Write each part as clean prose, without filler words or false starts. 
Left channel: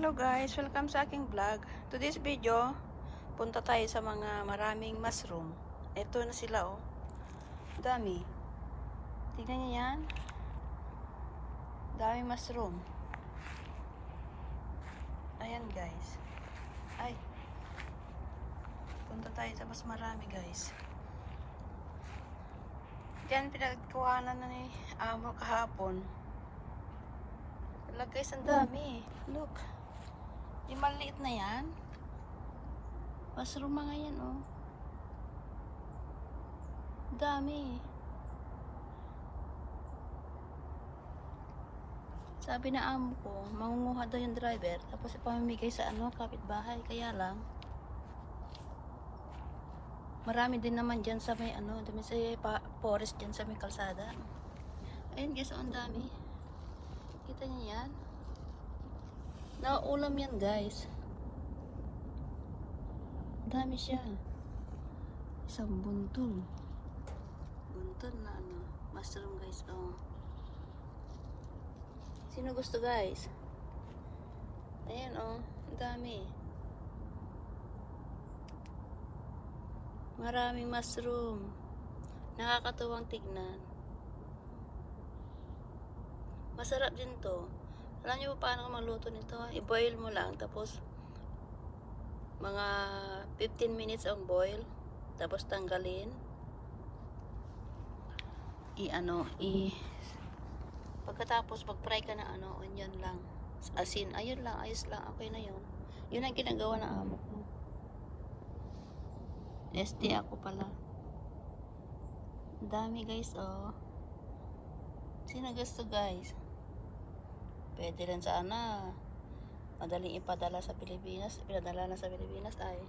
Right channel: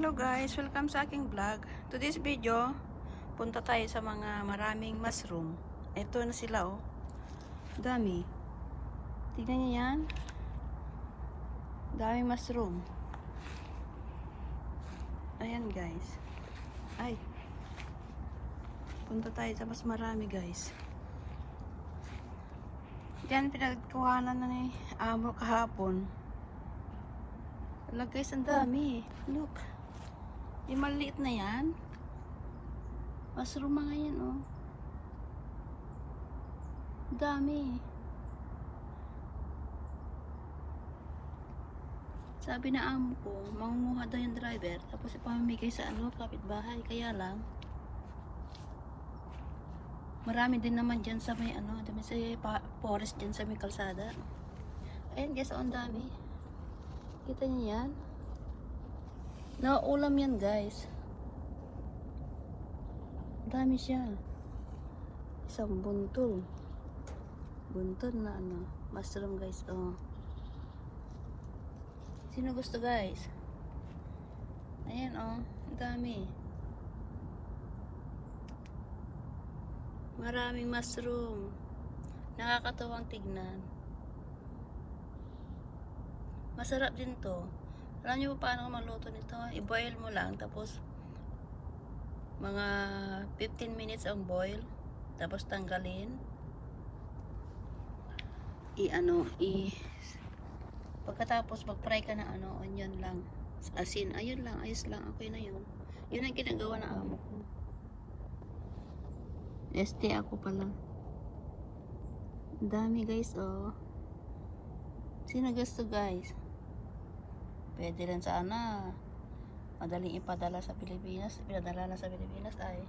Hello guys, welcome sa aking vlog. Today's video, punta tayo sa mga maraming mushroom. Ito na sila oh. Dami. Tignan niyo yan. Daming mushroom. Ayan guys. Ay. Punta tayo sa mas marami guys. Yan pinagkuhanan na ni Amo kahapon. Wala guys, ang dami. Look. Yung maliit na yan. Mushroom mga yan, oh. Dami. Sabi na amo ko, mangunguha daw yung driver, tapos ipamimigay sa kapitbahay. Kaya lang, marami din naman dyan sa may dumi sa forest dyan sa may kalsada. Ayun guys, ang dami. Kita niyo yan? Nauulam yan guys. Dami siya. Isang buntol. Buntol na mushroom guys. Oh. Sino gusto guys? Ayan oh. Ang dami. Maraming mushroom. Nakakatuwang tignan. Masarap din to. Alam niyo pa paano maluto nito? I-boil mo lang. Tapos, mga 15 minutes ang boil. Tapos tanggalin. Pagkatapos, mag-fry ka na onion lang. Asin. Ayun lang. Ayos lang. Okay na yun. Yun ang ginagawa ng amo ko. ST ako pala. Ang dami guys, oh. Sino gusto guys? Pwede rin sana madaling ipadala sa Pilipinas. Pinadala na sa Pilipinas ay.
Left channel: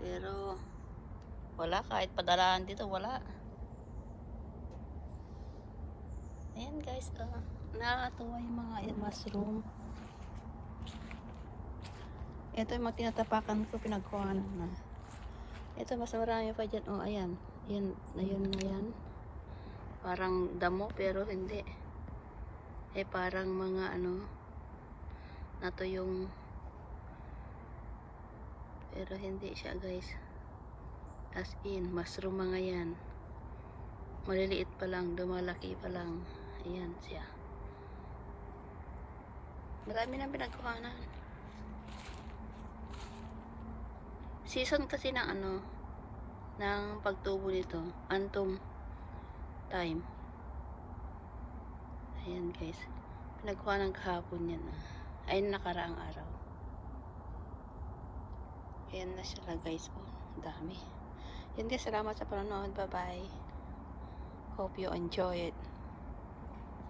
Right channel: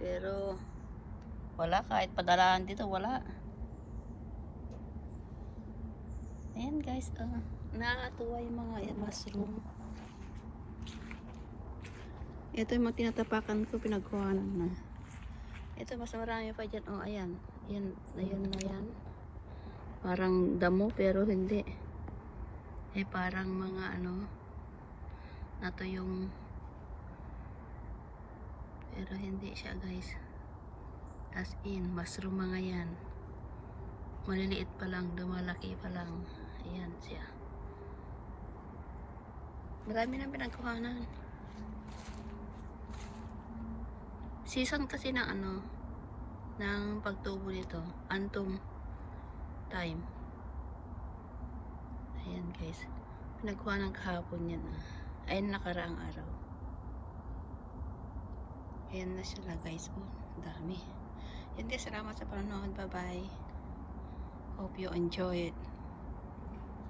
Pero wala, kahit padalaan dito wala. Ayan guys, nakakatuwa yung mga mushroom. Ito yung mga tinatapakan ko, pinagkuhanan na. Ito mas marami pa dyan. Oh, ayan. Yan na yan. Parang damo pero hindi. Parang mga nato yung pero hindi siya guys. As in, mushroom mga yan. Maliliit pa lang, dumalaki pa lang. Ayan siya. Marami nang pinagkuhanan. Season kasi ng ng pagtubo nito. Autumn time. Ayan guys. Pinagkuha ng kahapon yan. Ayun nakaraang araw. Ayan na siya na guys. Oh, dami. Yun guys, salamat sa panonood. Bye bye. Hope you enjoy it.